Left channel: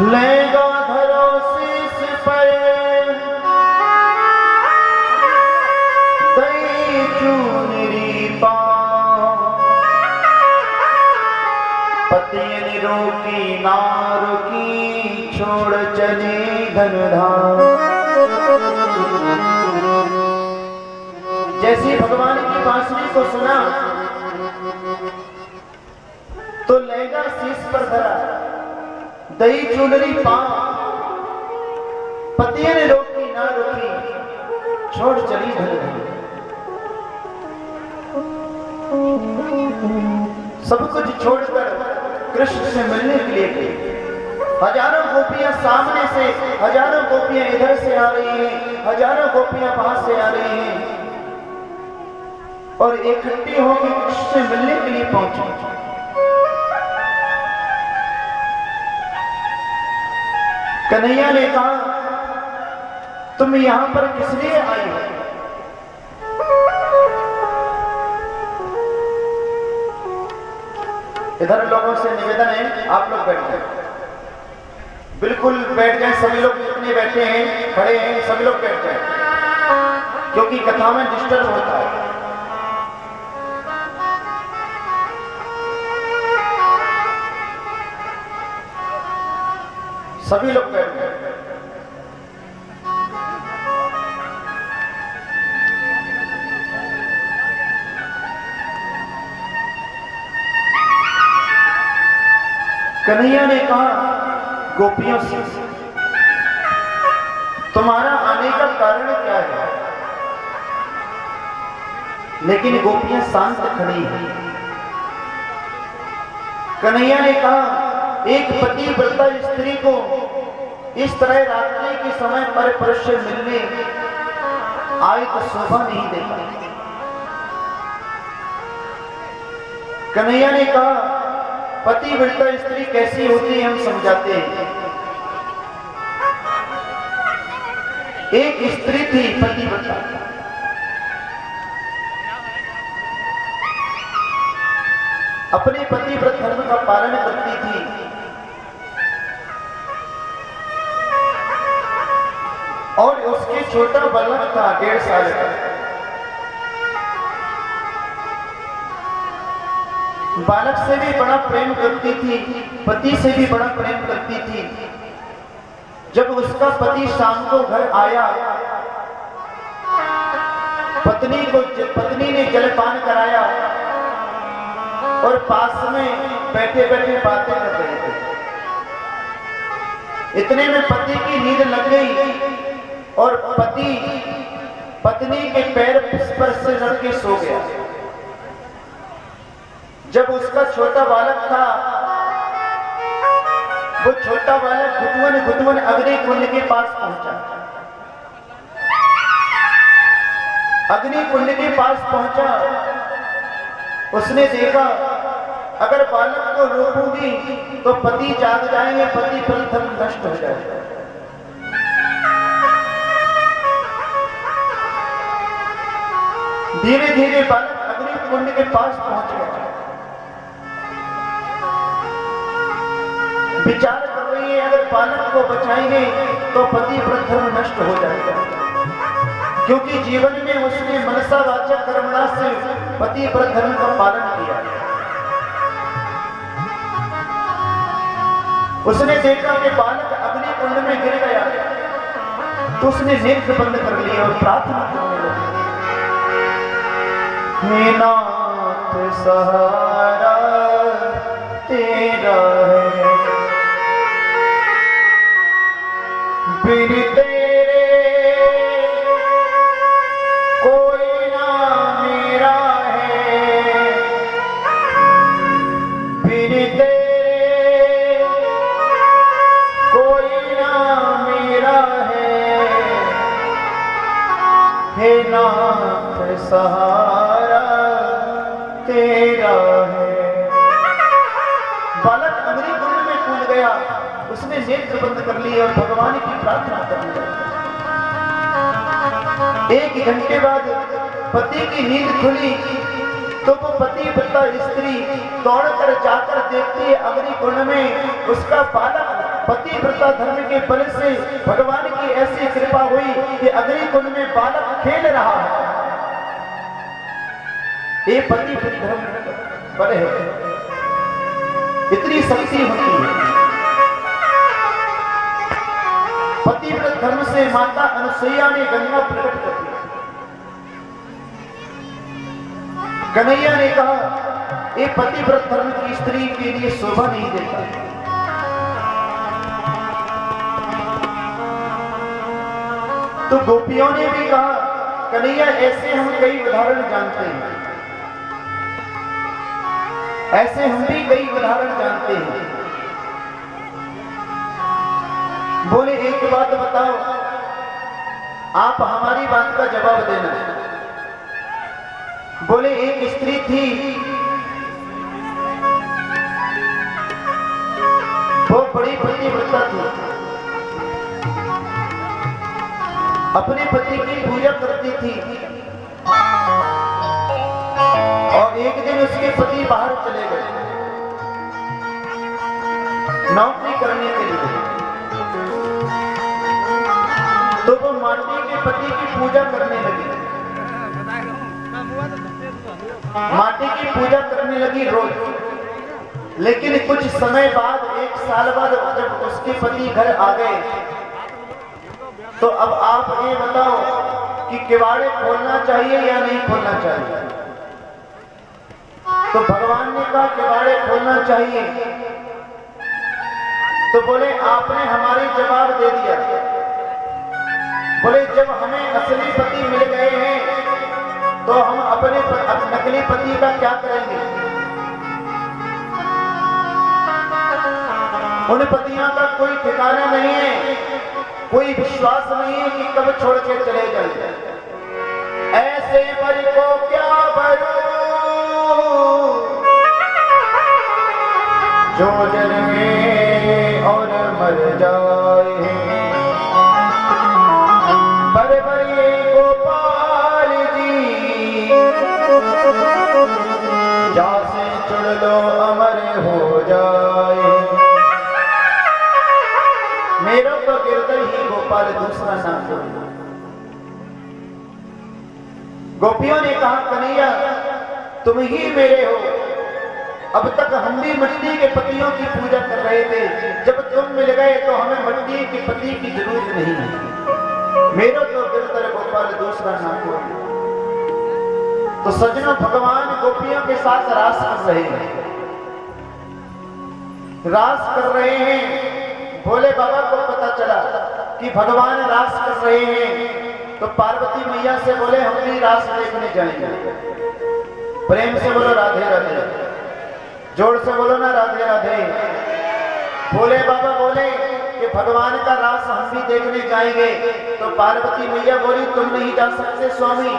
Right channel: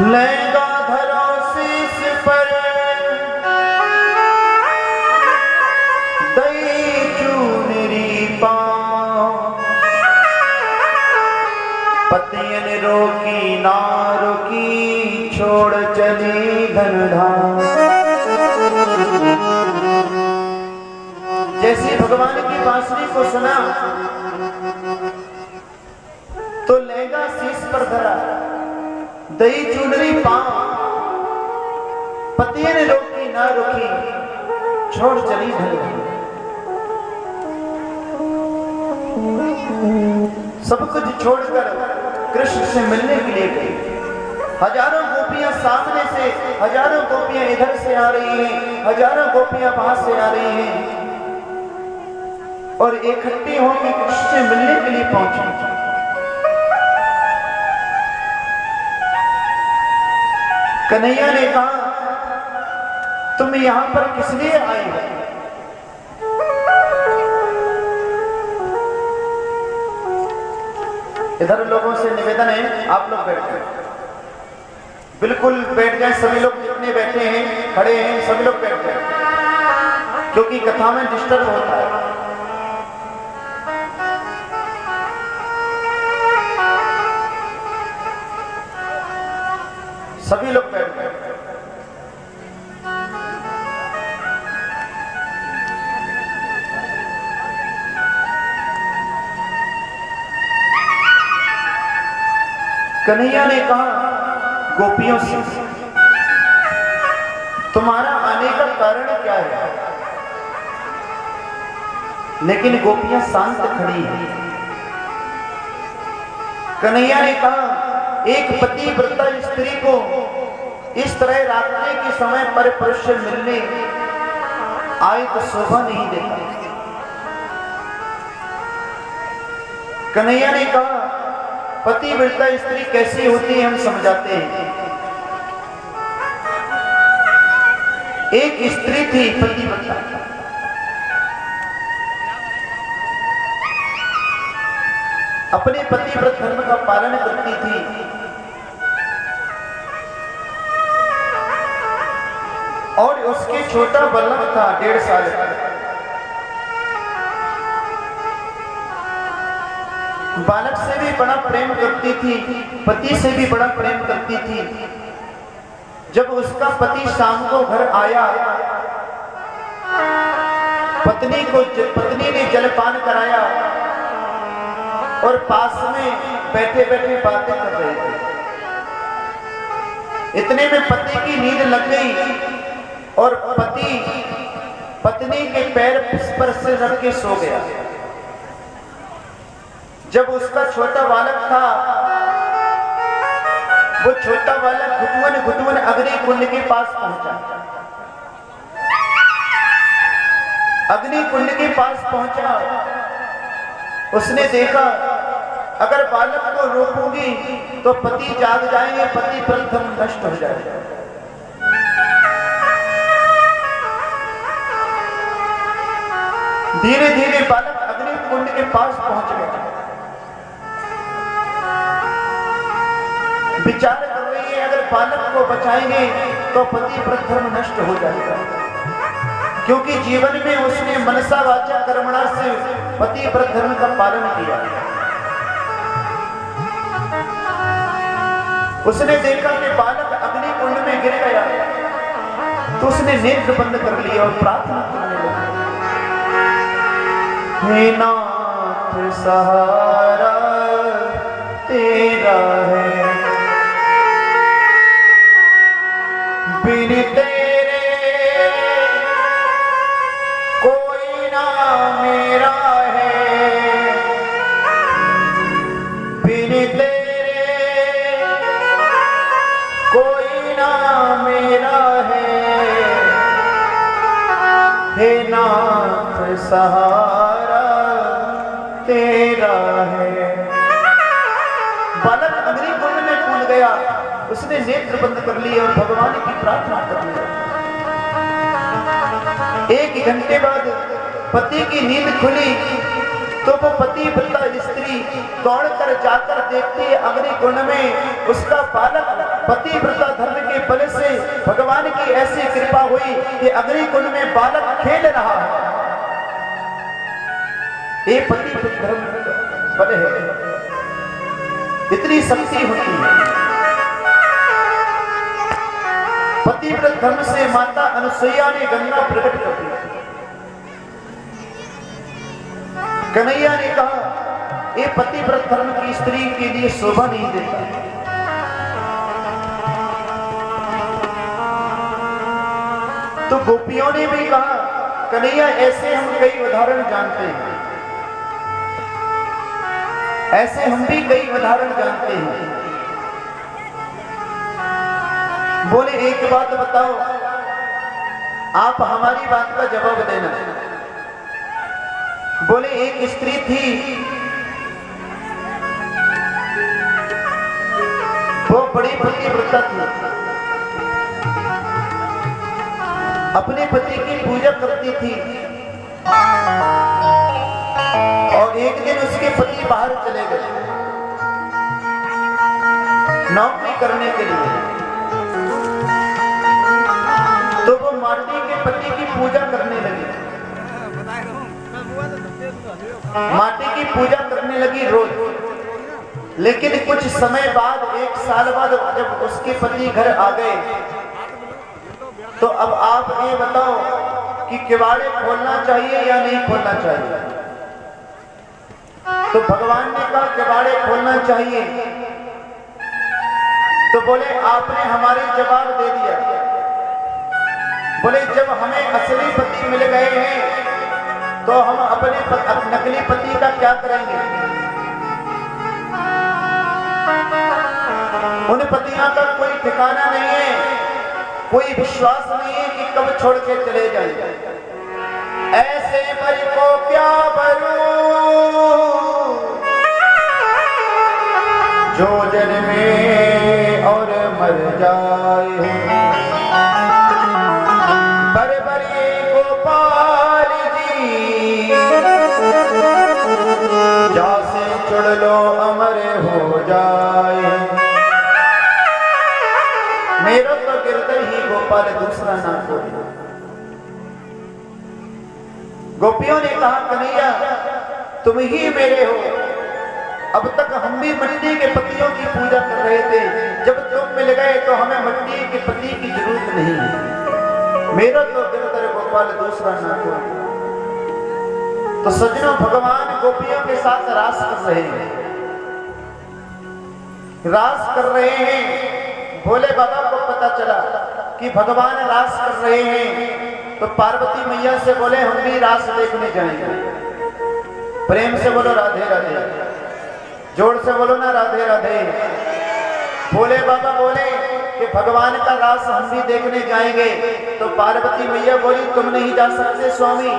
लेगा धरो शीश पर दई चूनरी पाँव, पतियन रोकी ना रोकी छोड़ चली घनधाम। जैसे भगवान की बांसुरी को सुना तो लेगा शीश पर धरा दही चूनरी पाँव, पतिये ने रोकी ना रोकी छोड़ चली घनधाम। सब कुछ छोड़कर कृष्ण से मिलने के लिए गई। हजारों गोपियां सामने से, हजारों गोपियां इधर से आ रही हैं, हजारों गोपियां वहां से आ रही हैं और इकट्ठी होकर कृष्ण से मिलने के लिए पहुंची। कन्हैया ने कहा, तुम यहां पर किस लिए आए हो? इधर लोगों से निवेदन है, आप लोग बैठ जाए, बिल्कुल बैठ जाए। सभी लोग जितने बैठे हैं, खड़े हैं, सभी लोग बैठ जाए, क्योंकि कथा में डिस्टर्ब होता है। सभी लोग बैठ गए। कन्हैया ने कहा गोपियों से, तुम्हारा आने का कारण क्या है? लेकिन गोपियां शांत खड़ी हैं। कन्हैया ने कहा, एक पतिव्रता स्त्री को इस तरह रात्रि के समय पर पुरुष से मिलने आए तो शोभा नहीं देता। कन्हैया ने कहा, पतिव्रता स्त्री कैसी होती है हम समझाते हैं। एक स्त्री थी पतिव्रता, अपने पतिव्रत धर्म का पालन करती थी और उसके छोटा बालक था 1.5 साल का। बालक से भी बड़ा प्रेम करती थी, पति से भी बड़ा प्रेम करती थी। जब उसका पति शाम को घर आया, पत्नी ने जलपान कराया और पास में बैठे बैठे बातें कर रहे थे। इतने में पति की नींद लग गई और पति पत्नी के पैर पर से रख के सो गया। जब उसका छोटा बालक था, वो छोटा बालक घुटवन घुटवन अग्नि कुंड के पास पहुंचा। अग्नि कुंड के पास पहुंचा, उसने देखा अगर बालक को रोकूंगी तो पति जाग जाएंगे, पति प्रथम नष्ट हो जाएगा। धीरे धीरे बालक अग्नि कुंड के पास पहुंच गया। विचार कर रही है, अगर बालक को बचाएंगे तो पति प्रथम नष्ट हो जाएगा, क्योंकि जीवन में उसने मनसा वाचा कर्मणा से पति धर्म का पालन किया। उसने देखा कि बालक अग्नि कुंड में गिर गया, तो उसने नेत्र बंद कर लिया और प्रार्थना करने लगी, हे नाथ सहारा तेरा है, बिन तेरे कोई ना मेरा है, बिन तेरे कोई ना मेरा है, हे नाथ सहारा तेरा है। बालक अग्नि कुंड में कूद गया, उसने नेत्र बंद कर लिए और भगवान की प्रार्थना करने लगा। 1 घंटे बाद पति की नींद खुली तो वो पतिव्रता स्त्री दौड़कर जाकर देखती है अग्नि कुंड में उसका बालक पतिव्रता धर्म के बल से भगवान की ऐसी कृपा हुई कि अग्निकुंड में बालक खेल रहा है। ये पतिव्रता धर्म बल है, इतनी शक्ति होती है। पतिव्रता धर्म से माता अनुसुईया ने गंगा प्रकट कर दी। कन्हैया ने कहा ये पतिव्रता धर्म की स्त्री के लिए शोभा नहीं देता। तो गोपियों ने भी कहा कन्हैया ऐसे हम कई उदाहरण जानते हैं, ऐसे हम भी कई उदाहरण जानते हैं। बोले एक बात बताओ, आप हमारी बात का जवाब देना। बोले एक स्त्री थी, वो बड़ी पतिव्रता थी, अपने पति की पूजा करती थी। और एक दिन उसके पति बाहर चले गए नौकरी करने के लिए। तो वो माटी के पति की पूजा करने लगी, माटी की पूजा करने लगी रोज। लेकिन कुछ समय बाद, एक साल बाद जब उसके पति घर आ गए, तो अब आप ये बताओ कि किवाड़े खोलना चाहिए या नहीं खोलना चाहिए? तो भगवान ने कहा किवाड़े खोलना चाहिए। तो बोले आपने हमारे जवाब दे दिया। बोले जब हमें असली पति मिल गए हैं तो हम अपने नकली पति का क्या करेंगे? उन पतियों का कोई ठिकाना नहीं है, कोई विश्वास नहीं है कि कब छोड़ के चले जाए। ऐसे पति को क्या भरूं जो जन्मे और मर जाए। बड़े बड़े गोपाल जी जा से चुड़ लो अमर हो जाए। मेरे को गिरधर ही गोपाल, दूसरा ना कोई। गोपियों ने कहा कन्हैया तुम ही मेरे हो। अब तक हम भी मिट्टी के पतियों की पूजा कर रहे थे, जब तुम मिल गए तो हमें मिट्टी के पति की जरूरत नहीं है। मेरा तो गिरधर गोपाल, दूसरा ना कोई। तो सज्जनों, भगवान गोपियों के साथ रास कर रहे हैं, रास कर रहे हैं। भोले बाबा को पता चला कि भगवान रास कर रहे हैं, तो पार्वती मैया से बोले हम भी रास देखने जाएंगे। प्रेम से बोलो राधे राधे, जोर से बोलो ना राधे राधे। भोले बाबा बोले कि भगवान का रास हम भी देखने जाएंगे। तो पार्वती मैया बोली तुम नहीं जा सकते स्वामी,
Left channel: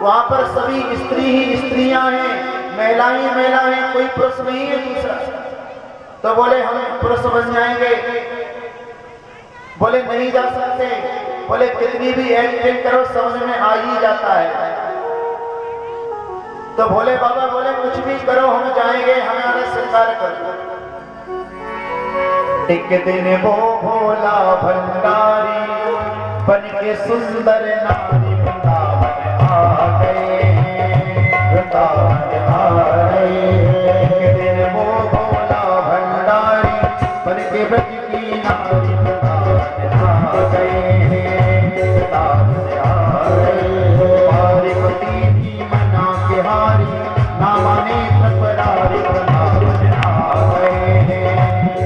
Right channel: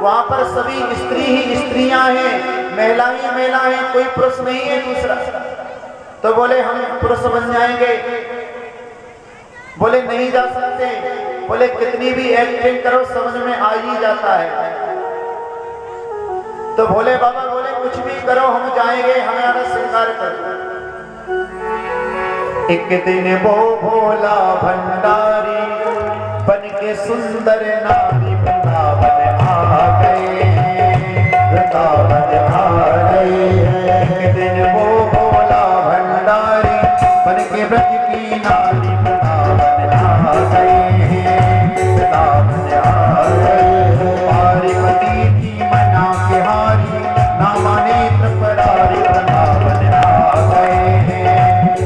वहां पर सभी स्त्री ही स्त्रियां हैं, महिलाएं महिला हैं, कोई पुरुष नहीं है दूसरा। तो बोले हम पुरुष बन जाएंगे। बोले नहीं जा सकते। बोले कितनी भी एक्टिंग करो समझ में आ ही जाता है। तो भोले बाबा बोले कुछ भी करो हम जाएंगे, हमारा श्रृंगार करो। एक दिन वो भोला भंडारी बन के सुंदर नारी वृंदावन आ गए, वृंदावन आ गए। एक दिन वो भोला भंडारी बन के ब्रज की नारी वृंदावन आ गए, वृंदावन आ गए। पार्वती की मना के हारी ना माने त्रिपुरारी वृंदावन आ गए,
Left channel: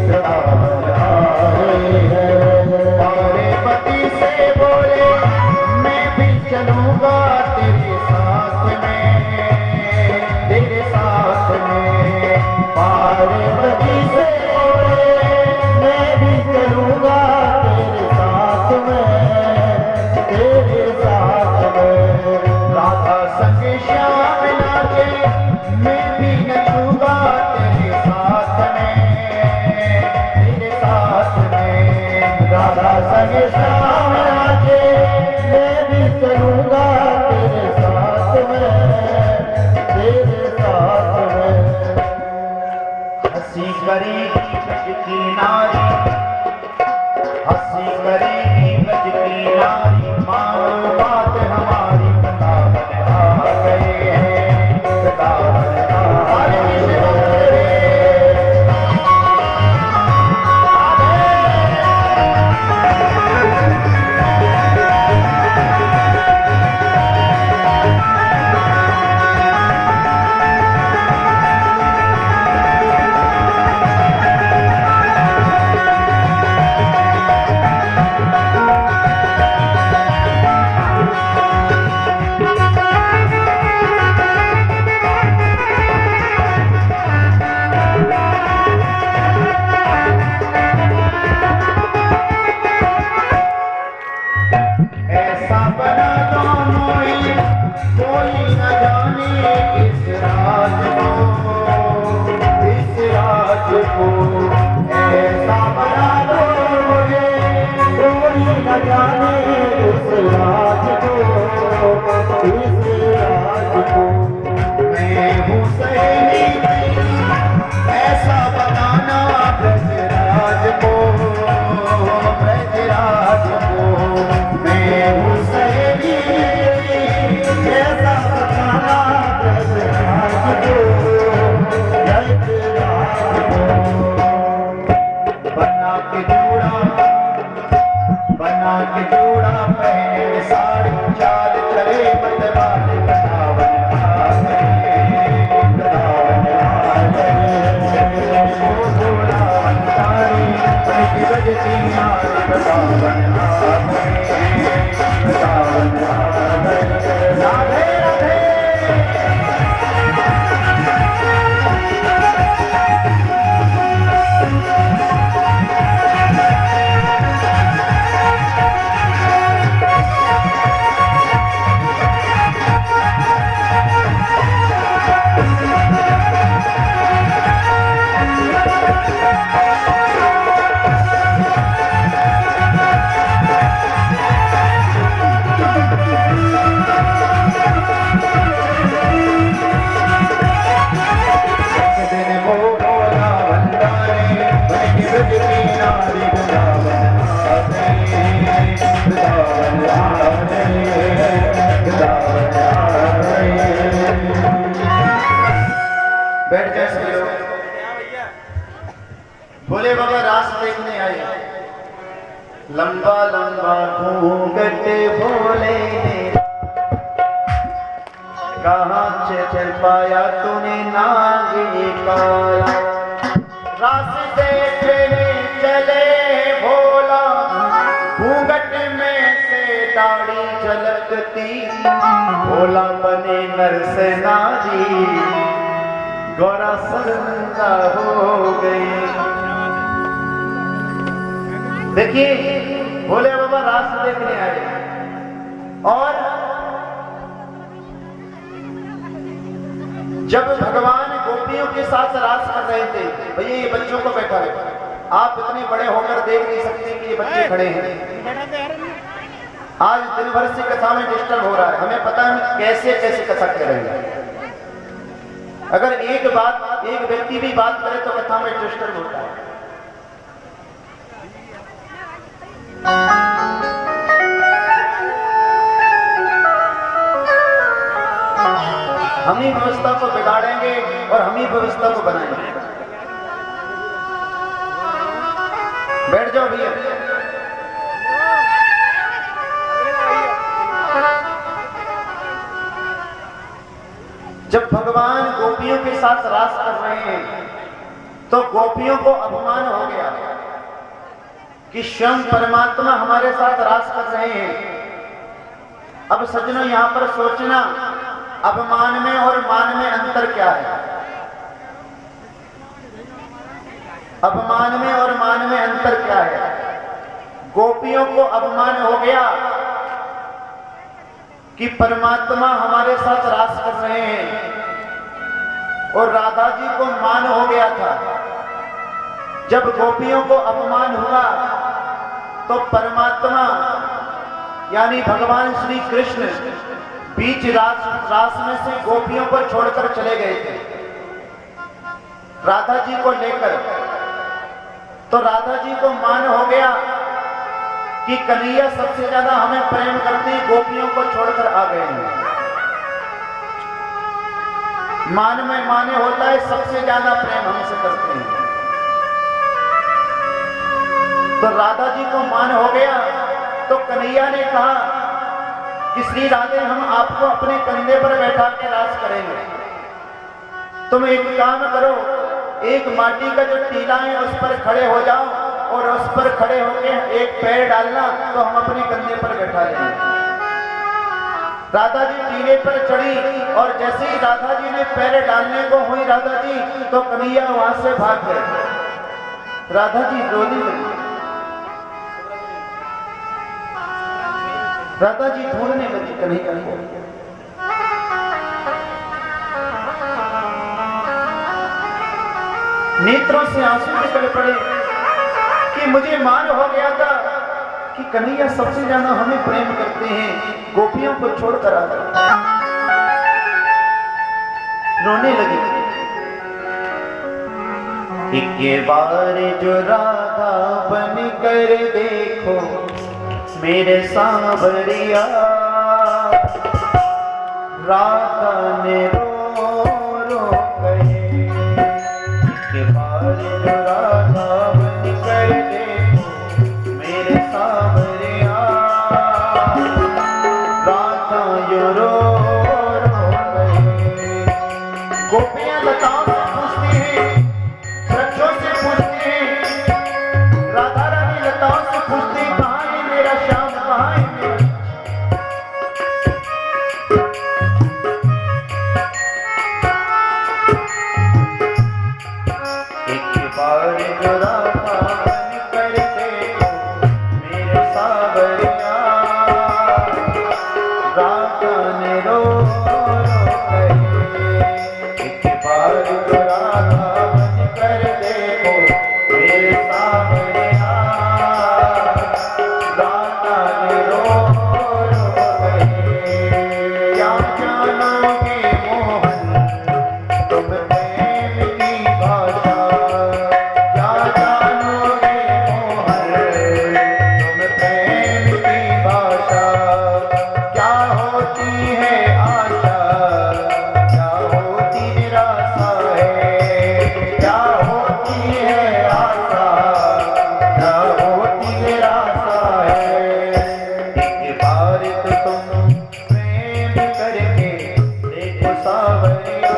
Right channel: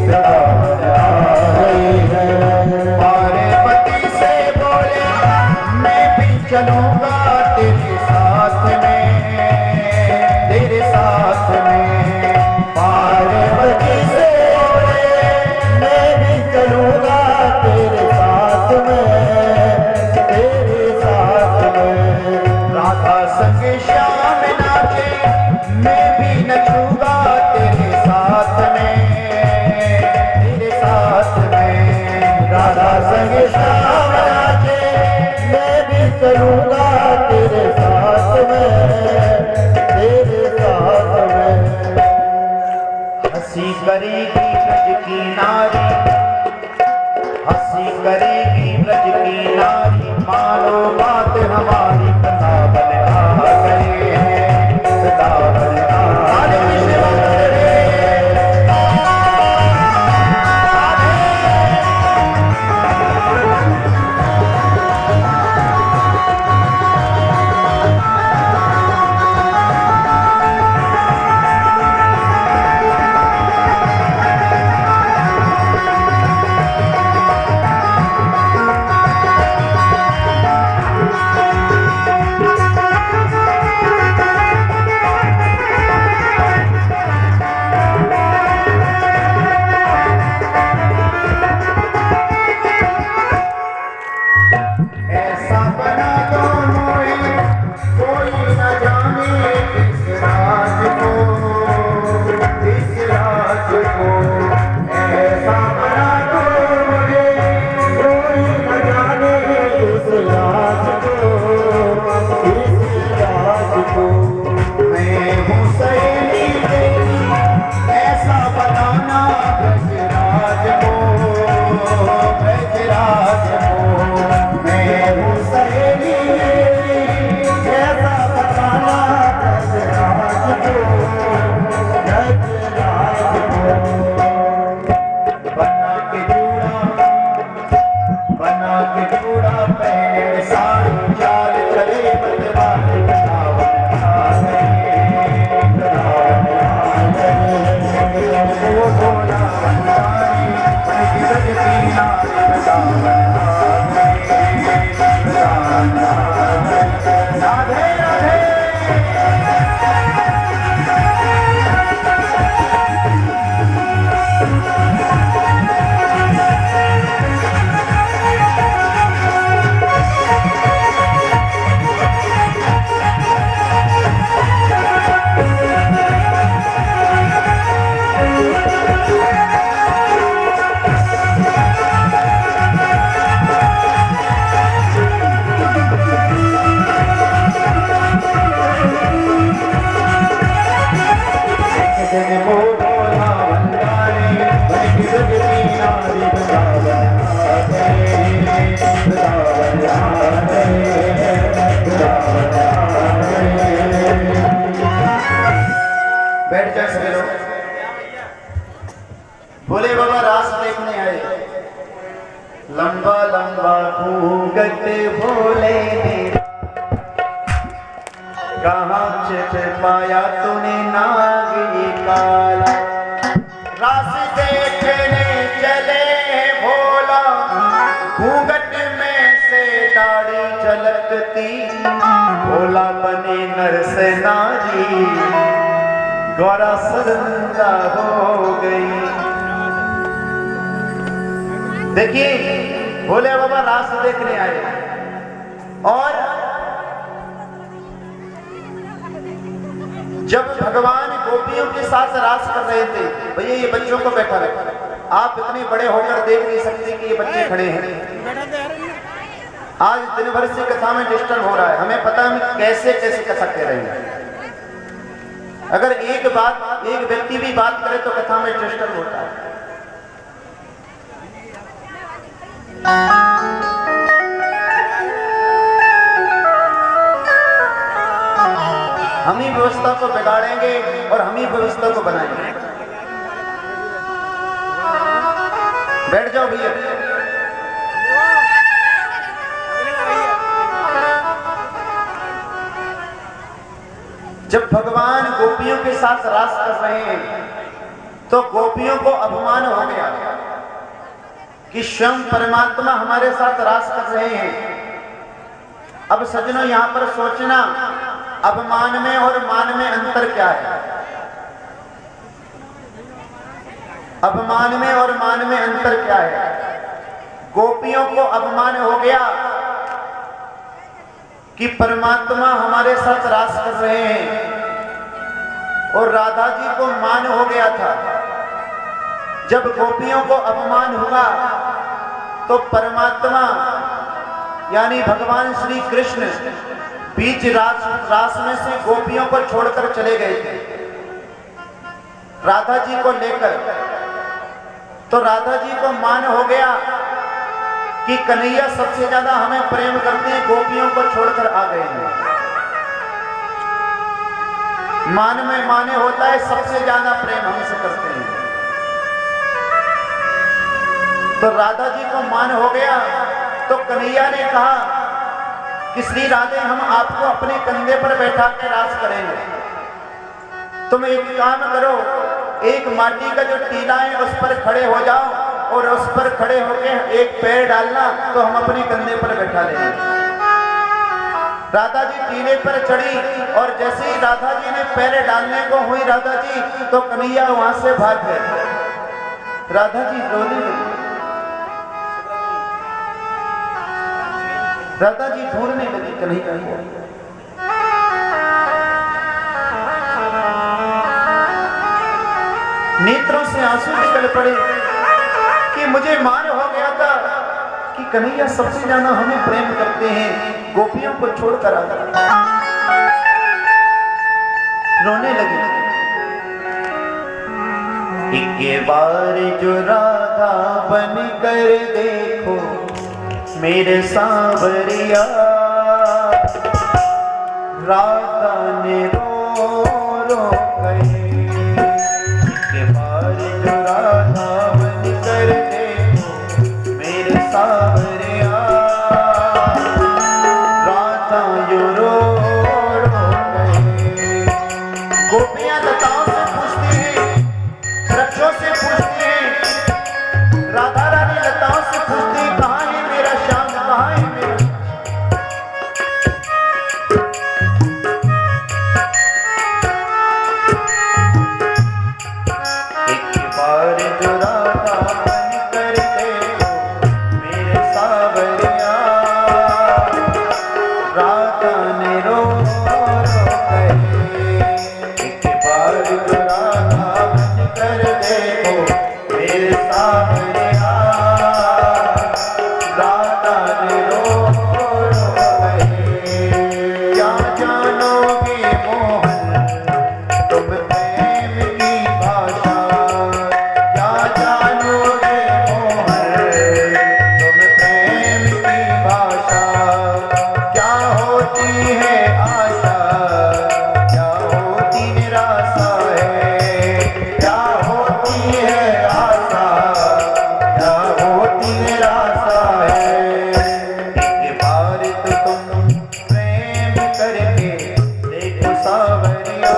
वृंदावन आ गए। पार्वती से बोले मैं भी चलूंगा तेरे साथ में, तेरे साथ में। पार्वती से बोले मैं भी चलूंगा तेरे साथ में, तेरे साथ में। राधा संग श्याम नाचे मैं भी नचूंगा तेरे साथ में, तेरे साथ में। राधा संग श्याम नाचे मैं भी चलूंगा तेरे साथ में, तेरे साथ में। हंसी करेगी ब्रज की नारी बना तो मोहे कोई न जाने इस राज को, इस राज को ऐसा बना दो मुझे कोई न जाने इस राज को, इस राज को। मैं हूँ सहेली ऐसा बनाना ब्रजराज को, ब्रजराज को। मैं हूँ सहेली ऐसा बनाना ब्रजराज को, ब्रजराज को। बना के जूड़ा पहने साड़ी चाल चले बदलाव राधे राधे। बैठ जाए सभी लोग। भोले बाबा रास देखने आए। लंबा लंबा घूंघट भोले ने कहाँ चढ़ पाया तूने नाग ये काला। रास देखने चले भोला घूंघट में से दाढ़ी झलकती, भोला बने नर से नारी गौरा शर्मिंदा हो गई। देखिए भोले बाबा रास देखने आए और जब भगवान गोपियों के साथ रास कर रहे थे, भैया ये बच्चों को बैठा रखो, आप इतने बड़े होकर देख नहीं सकते कि ये बच्चे खड़े हैं। आज दिन भर से कथा में डिस्टर्ब हो रहा है, हमें पता नहीं कैसे कैसे कथा कह रहे हैं। अगर एक व्यक्ति भी बात करे तो कथा में डिस्टर्ब होता है। हम ही व्यवस्था को बिगाड़ेंगे और हम ही व्यवस्था को बनाएंगे। बैठ जाओ भैया। जब भगवान गोपियों के साथ रास कर रहे हैं तो गोपियों को अपमान हो गया कि स्वयं परमात्मा हमारे साथ रास कर रहे हैं। अब सज्जनों यहां पर सोचना, अपमान में और मान में अंतर क्या है? अपमान में और मान में अंतर क्या है? गोपियों को अपमान हो गया कि परमात्मा हमारे साथ रास कर रहे हैं, और राधा जी को मान हो गया था। जब गोपियों को अपमान हुआ तो परमात्मा यानी भगवान श्री कृष्ण बीच रास में से गोपियों को छोड़कर चले गए थे राधा जी को लेकर। तो राधा जी को मान हो गया कि कन्हैया सबसे ज्यादा हमें प्रेम करते हैं, गोपियों को छोड़कर आ गए हैं। मान में माने होता है सबसे ज्यादा प्रेम हमसे करते हैं। तो राधा जी को मान हो गया तो कन्हैया ने कहा कि श्री राधे हम आपको अपने कंधे पर बैठा के रास करेंगे। तुम एक काम करो, एक माटी का जो टीला है उस पर खड़े हो जाओ और उस पर खड़े होकर एक पैर डालना तो हम अपने कंधे पर बैठा लेंगे। राधा जी टीले पर चढ़ी और जैसे ही राधा जी ने पैर डालने को हुई राधा जी, तो कन्हैया वहां से भाग गए। राधा जी रोने लगी। राधा जी ढूंढने लगी कन्हैया को। नेत्रों से आंसू निकल पड़े कि मुझे मान हो गया था कि कन्हैया सबसे ज्यादा हमें प्रेम करते हैं, गोपियों को छोड़कर आ गए। रोने लगी। एक बार जो राधा बन कर देखो मेरे सांवरिया, राधा ने रो रो गए। एक बार जो राधा बन कर देखो मेरे सांवरिया, राधा जो रो रो गए। गोपियां लताओं से पूछती हैं, वृक्षों से पूछती हैं, राधा रानी लताओं से पूछती हैं, कहाँ है मेरा श्याम, कहाँ है मेरा। एक बार जो राधा बन कर देखो मेरे सांवरिया, राधा ने रो रो गए। एक बार जो राधा बन कर देखो मेरे सांवरिया, राधा ने रो रो गए। क्या जानोगे मोहन तुम प्रेम की भाषा, क्या जानोगे मोहन तुम प्रेम की भाषा। क्या होती है आशा, क्या होती निराशा है, क्या होती है आशा, क्या होती निराशा है। एक बार तो तुम प्रेम करके देखो सांवरिया,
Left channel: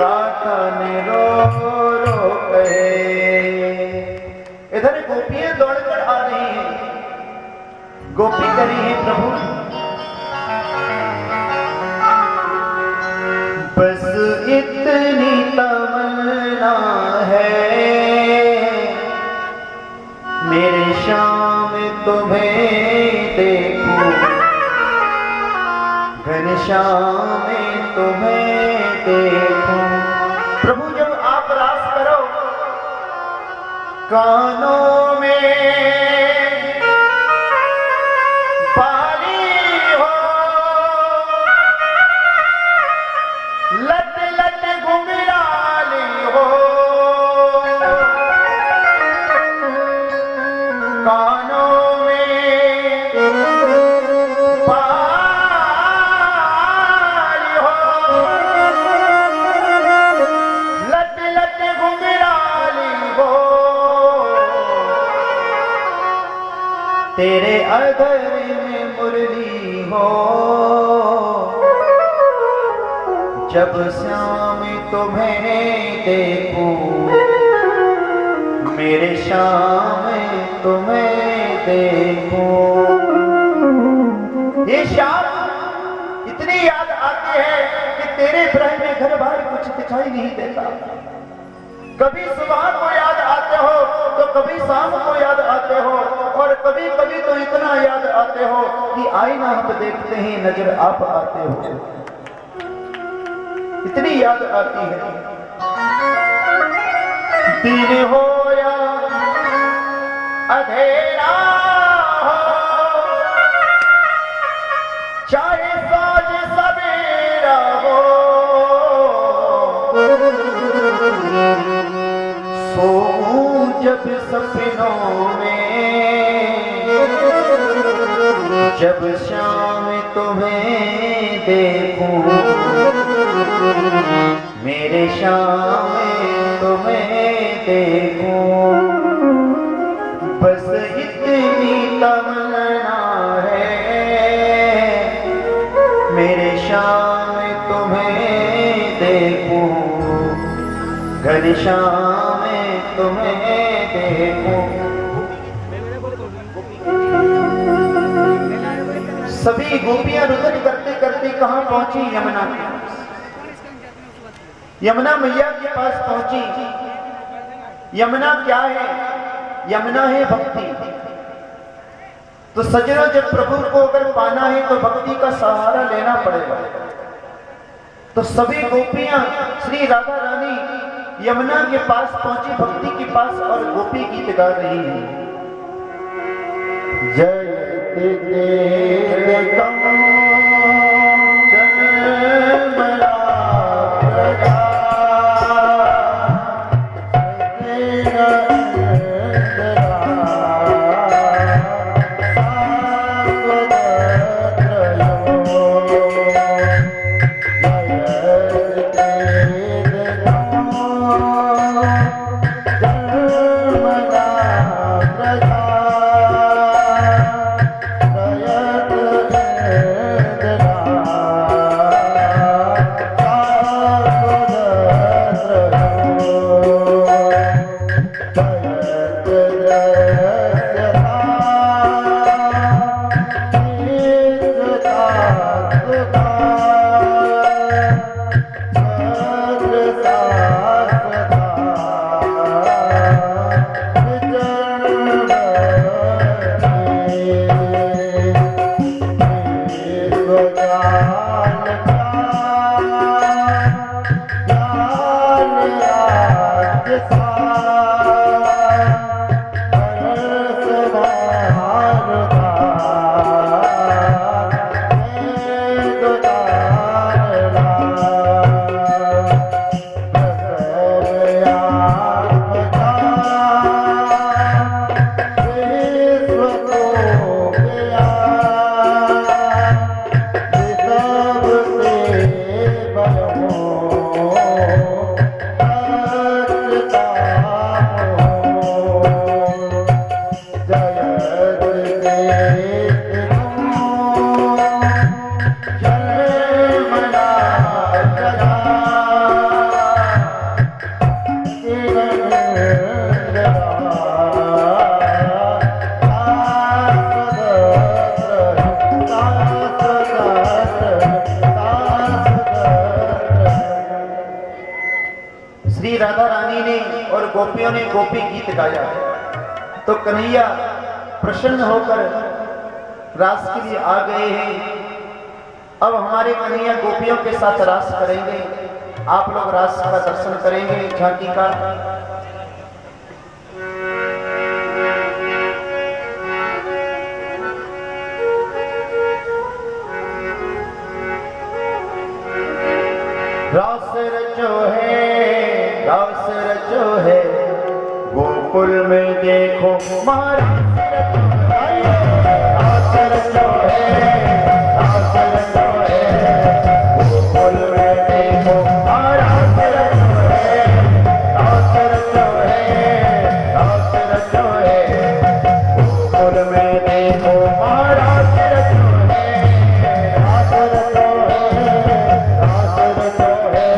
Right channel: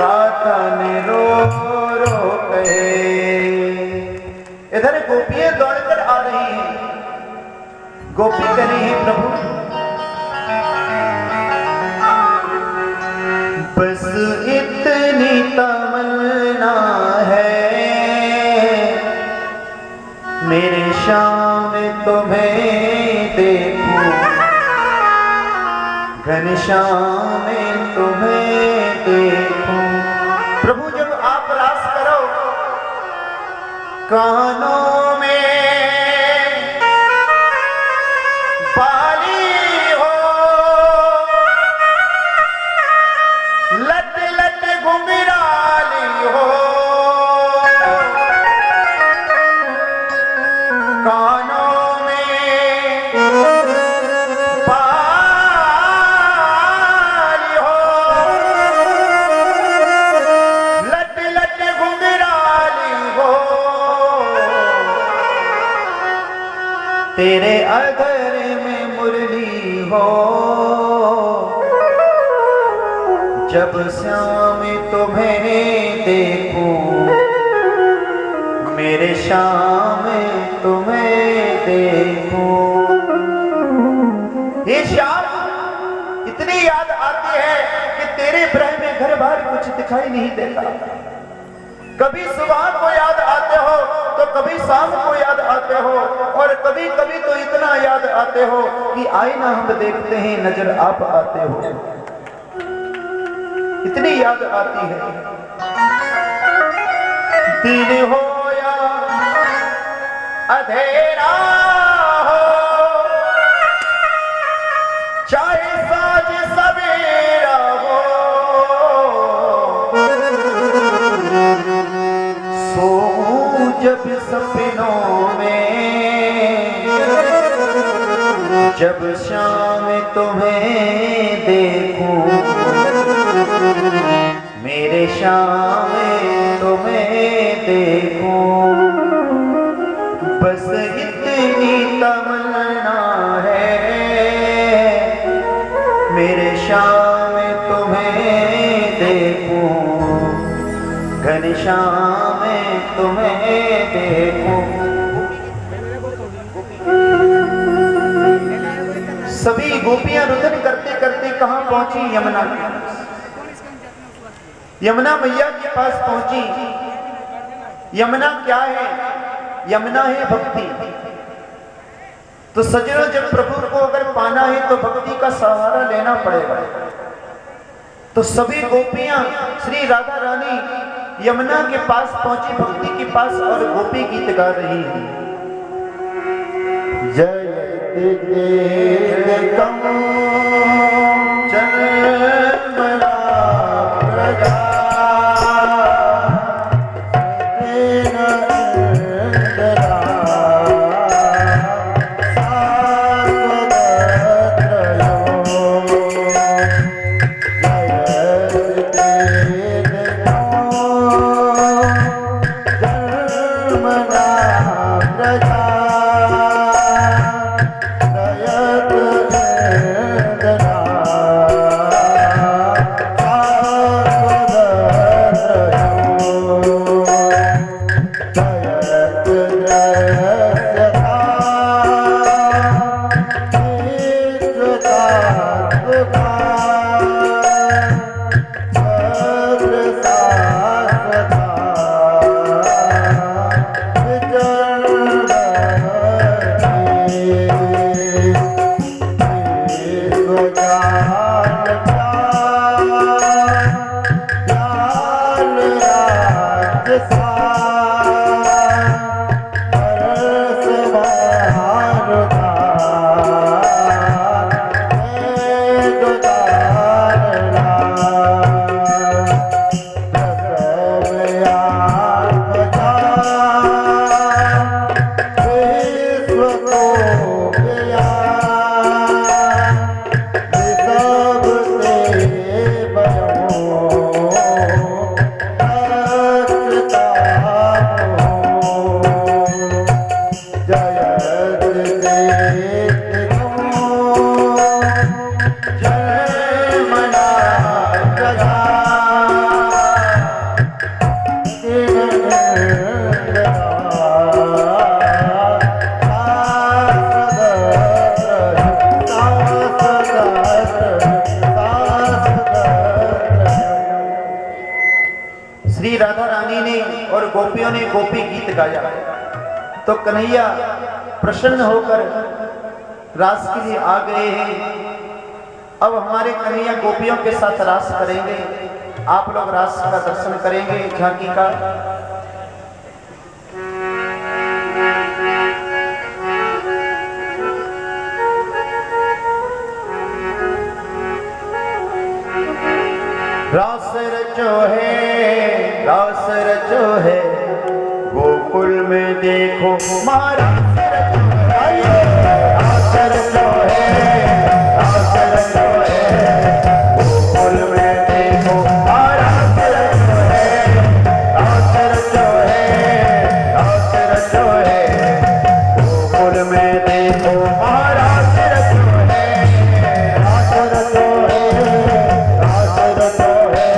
राधा ने रो रो गए। इधर गोपियां दौड़कर आ रही हैं। गोपी कह रही है, प्रभु बस इतनी तमन्ना है मेरे श्याम तुम्हें देखूं, घनश्याम तुम्हें देखूं। प्रभु जब आप रास करो कानों में बाली हो, लट लट घुंघराली हो, कानों में बाली हो, लट लट घुंघराली हो। तेरे अधर में मुरली हो, जब श्याम तुम्हें देखूं मेरे श्याम तुम्हें देखूं। ये श्याम इतनी याद आती है कि तेरे विरह में घर बार कुछ दिखाई नहीं देता। कभी सुबह को याद आते हो तो कभी शाम को याद आते हो, और कभी कभी तो इतना याद आते हो कि आईना हम देखते हैं नजर आप आते हो। इतनी याद आती है। दिन हो या अंधेरा हो, चाहे साँझ सवेरा हो, सोऊं जब सपनों में, जब शाम तुम्हें देखूं मेरे श्याम तुम्हें देखूं। बस इतनी तमन्ना है मेरे श्याम तुम्हें देखूं, घनश्याम तुम्हें देखूं। सभी गोपियां रुदन करते करते कहां पहुंची? यमुना। यमुना मैया के पास पहुंची। यमुना क्या है? यमुना है भक्ति। तो सजना, जब प्रभु को अगर पाना है तो भक्ति का सहारा लेना पड़ेगा। तो सभी गोपियां श्री राधा रानी यमुना के पास पहुंची, भक्ति के पास, और गोपी गीत गा रही है। जय श्री राधा रानी ने और गोपियों ने गोपी गीत गाया। तो कन्हैया प्रसन्न होकर रास के लिए आ गए हैं। अब हमारे कन्हैया गोपियों के साथ रास करेंगे। आप लोग रास का दर्शन करेंगे, झांकी का। रास रचो है, रास रचो है, गोकुल में देखो महाराज रचो है। रास रचो है, रास रचो है, गोकुल में देखो महाराज रचो है। रास रचो है, रास रचो है, गोकुल में देखो महाराज रचो है। रास रचो है, रास रचो है,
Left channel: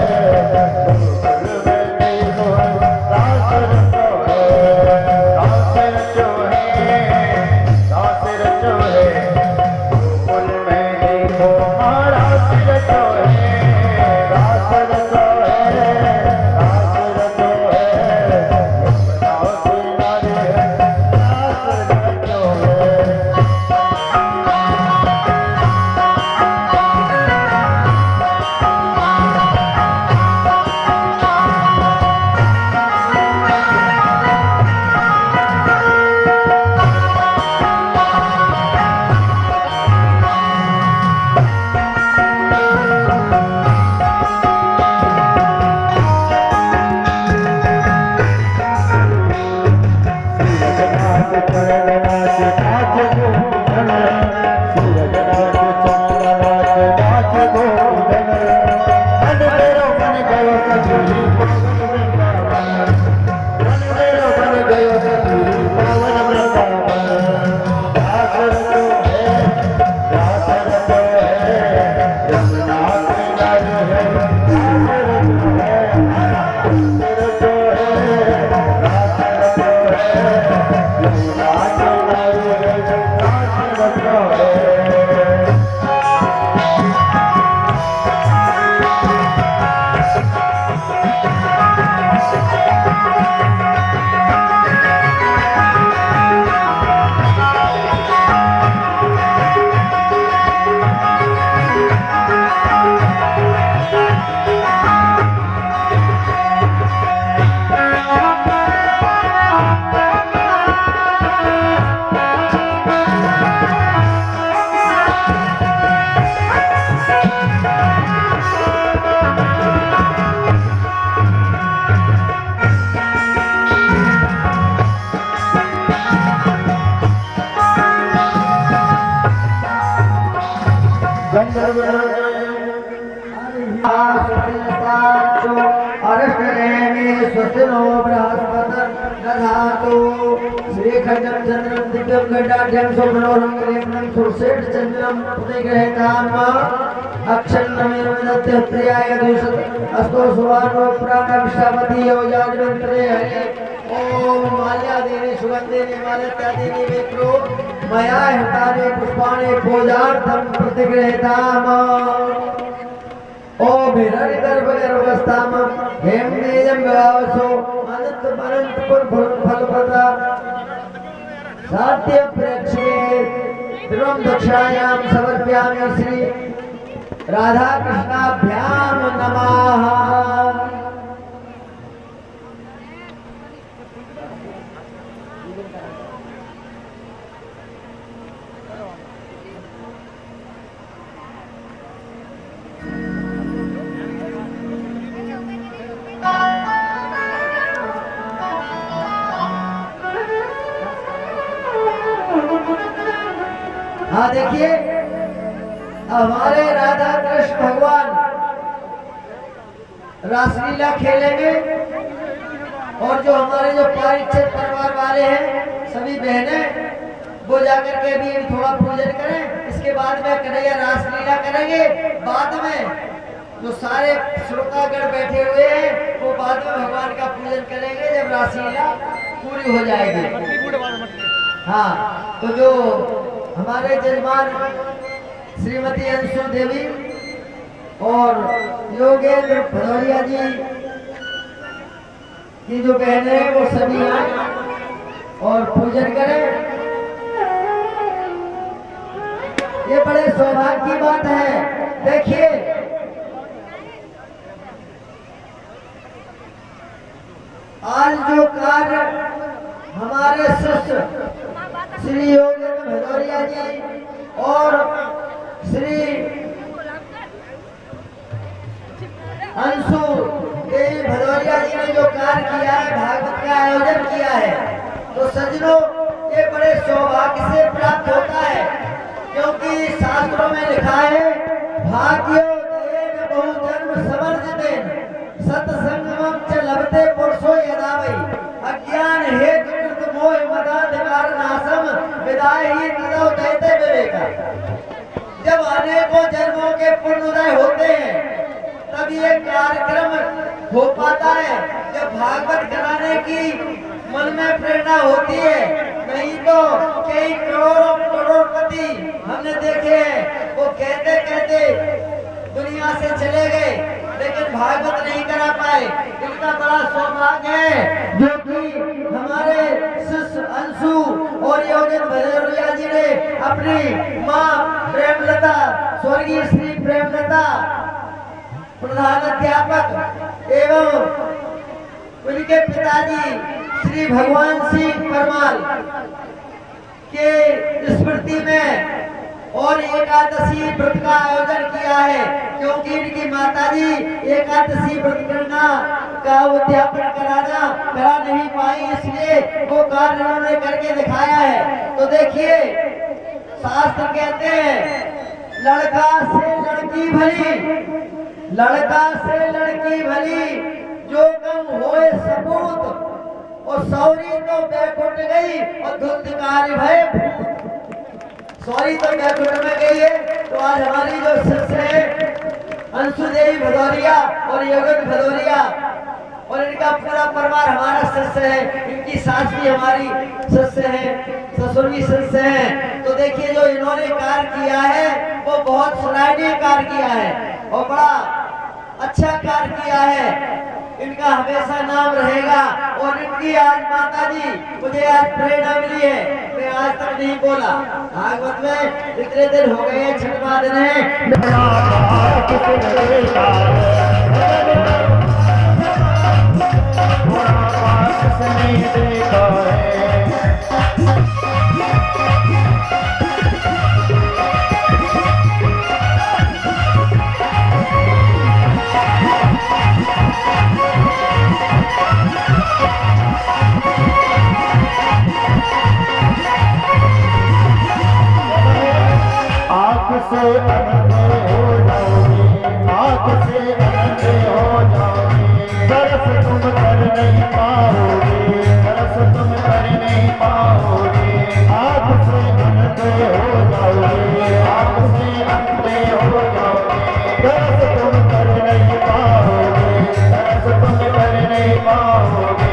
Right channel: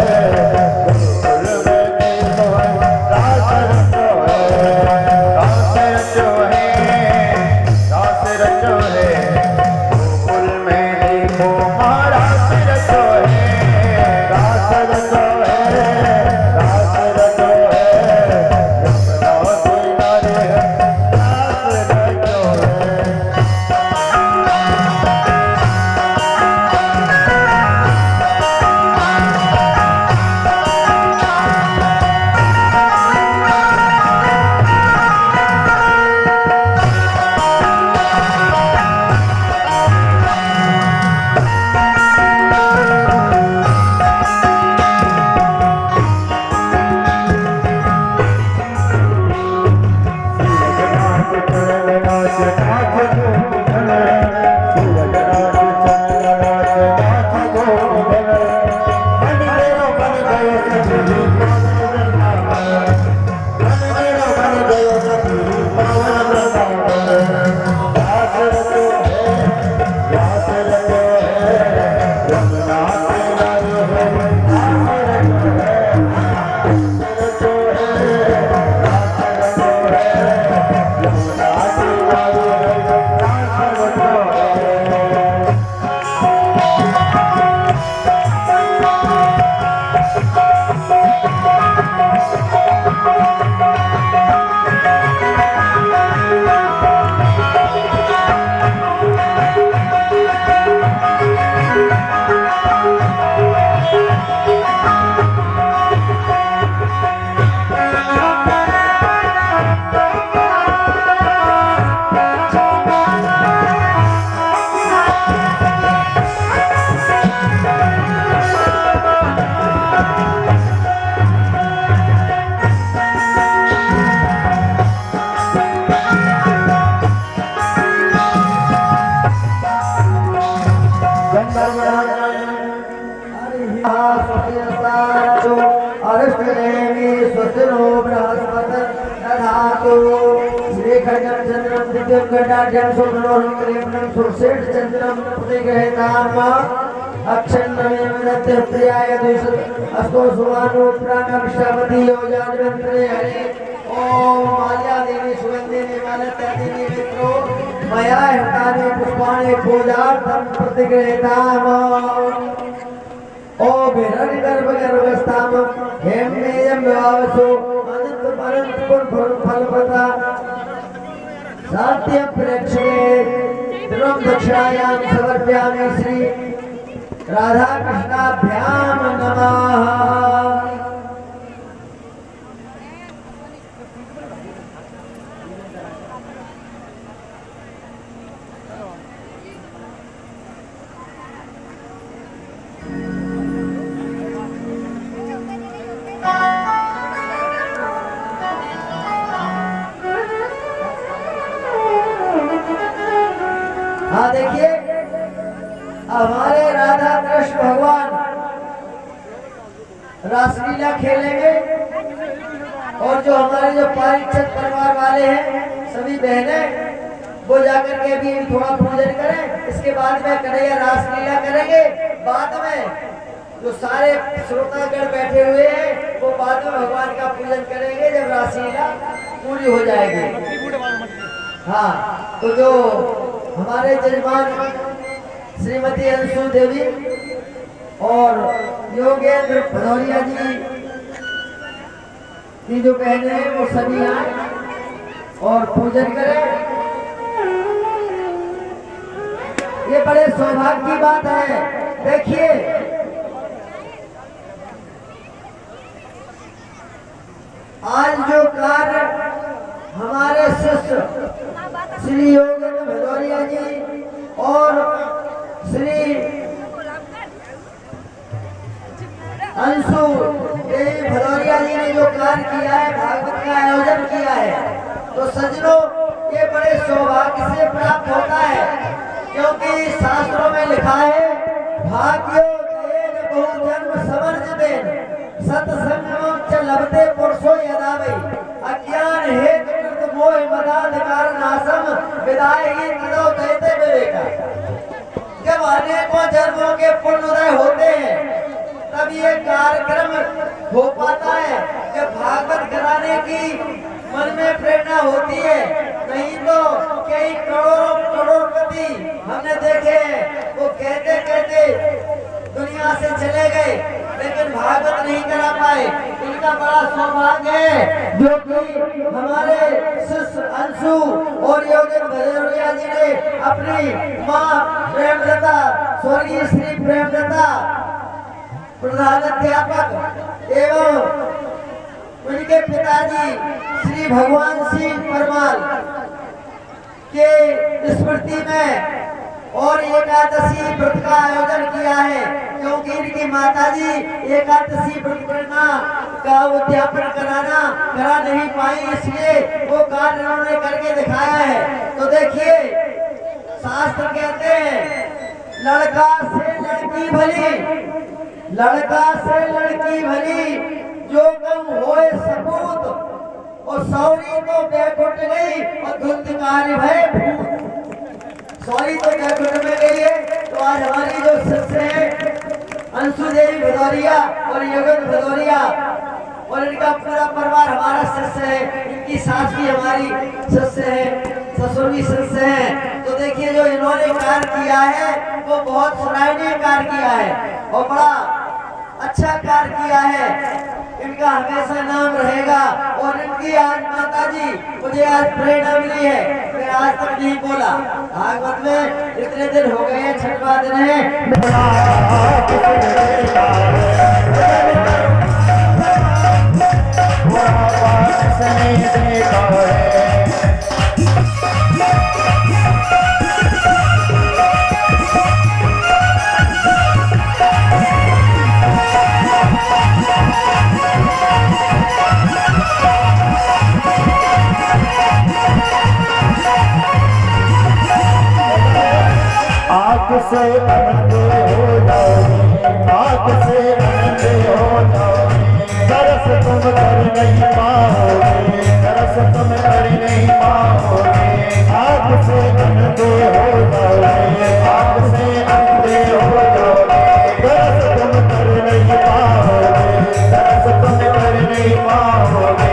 प्रियाय दूषित अस्तो सुवानो प्राणाभिषामति योजान्वंतरे हरे ओम माल्या देवी सुगंधिनी मालत्या देवी विप्रो मया हताने पुष्पाणि पूजार्थं प्रतिगृहीताम ओम हिरण्यगर्भ गर्भस्थाम हेमनेयं विवावसो अनंत अनंत पुर फलप्रदा सात्य प्रेक्षणे द्रव्य दक्षायां समर्पयामि श्री राधा कृष्णाभ्याम नमः। हाँ देखिए हमारे राधा कृष्ण भगवान रासलीला खेलेंगे और जो हमारे जो पारिचत परिवार वाले हैं सभी बहनें वो जाकर के अभी थोड़ा पूजन करें। इसके बाद में कन्हैया रासलीला करेंगे। बाद में जो सारे श्रोतागण बैठे हुए हैं वो बाद में भगवान का पूजन करेंगे जब रासलीला पूरी हो जाएगी। हाँ तो जो हमारे जजमान श्रीमती अंशु देवी और योगेंद्र भदौरिया जी की जो बहने हैं वो सभी आए और पूजन करें। ये बड़े सौभाग्य की बात है। देखिए आज जो कार्य हमारे शिष्य श्री योगेंद्र भदौरिया जी और श्री अंशु देवी भदौरिया जी ने जो कार्य किया है, भागवत का आयोजन किया है, तो सज्जनों ये बड़े सौभाग्य से प्राप्त होता है। क्योंकि शास्त्रों में लिखा है भाग्यो देन बहुजन्म समर्जितेन सत्संगमं च लभते पुरुषो यदा वै अज्ञान हेतु कृत मोह मदाधिकार नाशम विदाई तदो जयते विवेका। जब अनेकों जन्मों के पुण्योदय होते हैं तब ये कार्यक्रम हो पाता है। जब भागवत कराने की मन में प्रेरणा होती है, नहीं तो कई करोड़ों करोड़पति हमने देखे हैं वो कहते कहते दुनिया से चले गए लेकिन भागवत नहीं करा पाए। इनका बड़ा सौभाग्य है जो कि हमारे शिष्य अंशु और योगेंद्र भदौरिया जी ने अपनी माँ प्रेमलता स्वर्गीय श्री प्रेमलता प्रधानाध्यापक एवं उनके पिताजी श्री भगवान सिंह परमाल के स्मृति में और एकादशी व्रत का आयोजन किया है। क्योंकि इनकी माताजी एकादशी व्रत करना का उद्यापन करा नहीं पाई, इसलिए वो कार्य उन्होंने करके दिखाया है। तो देखिए शास्त्र कहते हैं लड़का से लड़की भली, लड़का से लड़की भली जो कम होए सपूत और सौरी तो बेकुट गई और धुंधकारी भय भूत। सौरी तो बेकुट में गई है। तो आज हमारी जो शिष्य है अंशु देवी भदौरिया और योगेंद्र भदौरिया और इनका पूरा परिवार हमारा शिष्य है। इनकी सास भी हमारी शिष्य है, ससुर भी शिष्य है। तो देखिए जो इन्होंने कार्य किया है वो बहुत सराहनीय कार्य किया है और बड़ा अच्छा कार्य किया है। इनका हमेशा नाम रहेगा। और इनकी आज माताजी मुझे आज प्रेरणा मिली है, मैं आज तक नहीं बोला। भागवत में इतने दिन हो गए, छठवां दिन है। से अंधे हो जाओगे, आँख से अंधे हो जाओगे, दरस तुम कर नहीं पाओगे, दरस तुम कर नहीं पाओगे, आँख से अंधे हो जाओगे, आँख से अंधे हो जाओगे, दरस तुम कर नहीं पाओगे, दरस तुम कर नहीं पाओगे,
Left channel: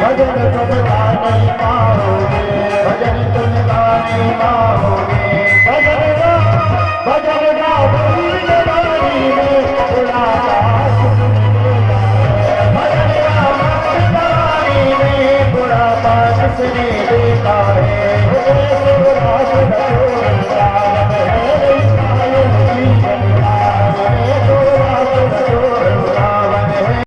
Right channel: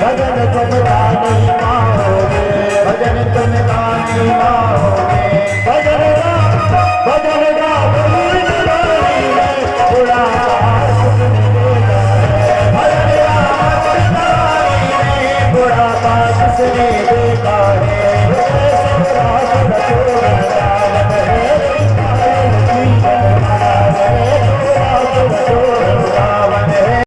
भजन तुम गा नहीं पाओगे, भजन तुम गा नहीं पाओगे।